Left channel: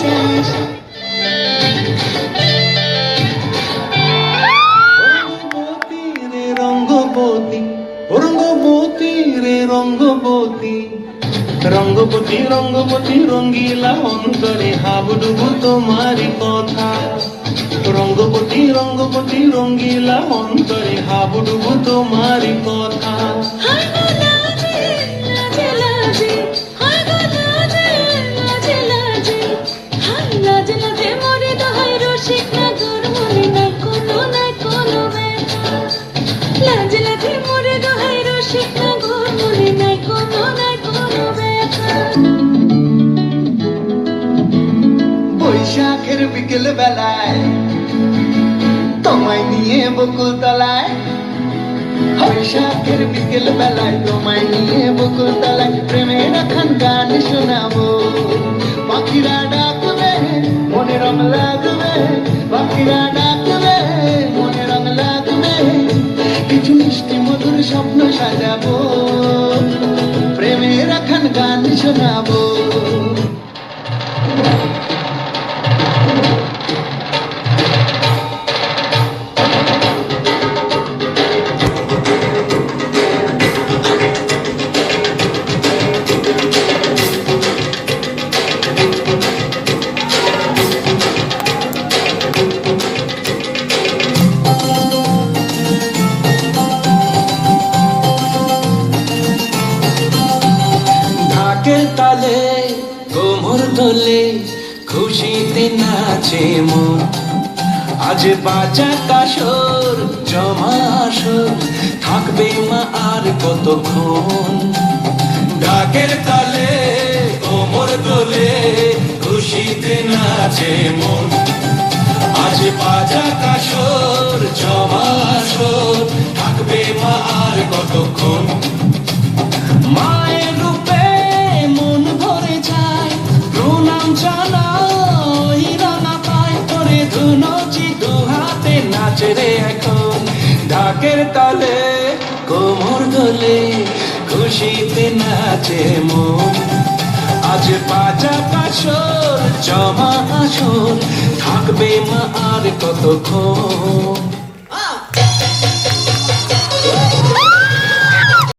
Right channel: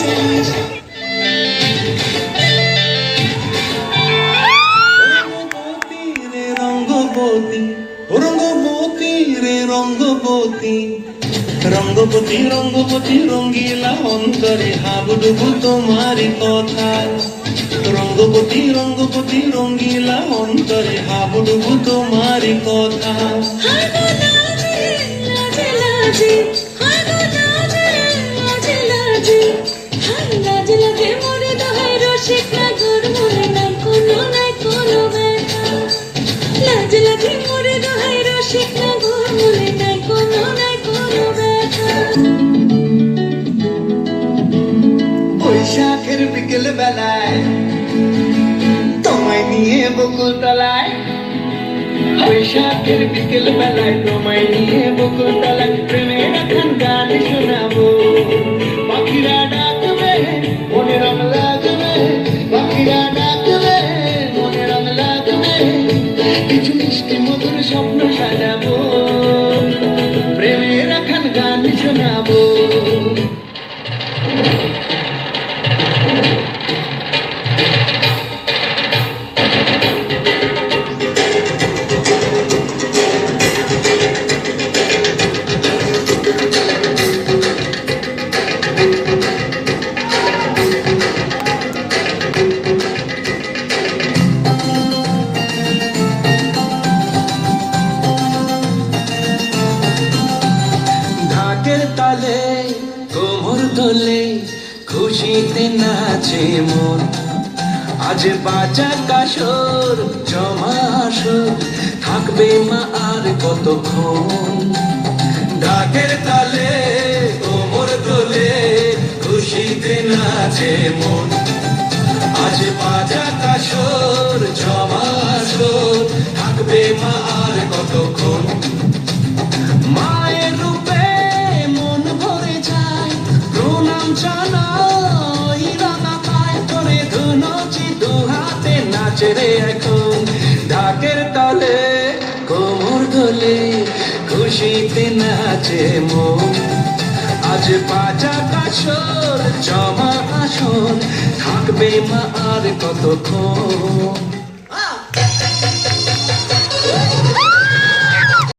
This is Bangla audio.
যাস রঙ্গবতী রঙ্গবতী রে রঙ্গবতী রঙ্গবতী রঙ্গবতী রঙ্গিলা অন্তরে হাবুডুবু তোমারি কথা রঙ্গবতী রঙ্গবতী রঙ্গিলা অন্তরে হাবুডুবু তোমারি কথা বৈশাখের বিকেল বেলায় তোমায় নিয়ে বকুল তলায় বৈশাখের বিকেল বেলায় তোমায় নিয়ে বকুল তলায় প্রেমের এখন গান শোনাবো পাখিরা ডাকবে মনে রং লাগবে পাখিরা ডাকবে মনে রং লাগবে কিছু মিষ্টি মধুর স্বপ্ন সাজাবো প্রেমের এখন গান শোনাবো তালে কোমর দোলে খুশিতে নাচে মন আজ বাজা কাসর জমা আসর থাকবে মা আর কতক্ষণ ঢাকের তালে কোমর দোলে খুশিতে নাচে মন আজ বাজা কাসর জমা আসর থাকবে মা আর কতক্ষণ মায়ের রূপে মন ভরে যায় প্রণাম জানাই রানা পায় করে ধুনচি দু হাতে নাচে রে এখন ঢাকের তালে কোমর দোলে খুশিতে নাচে মন আজ বাজা কাসর জমা আসর থাকবে মা আর কতক্ষণ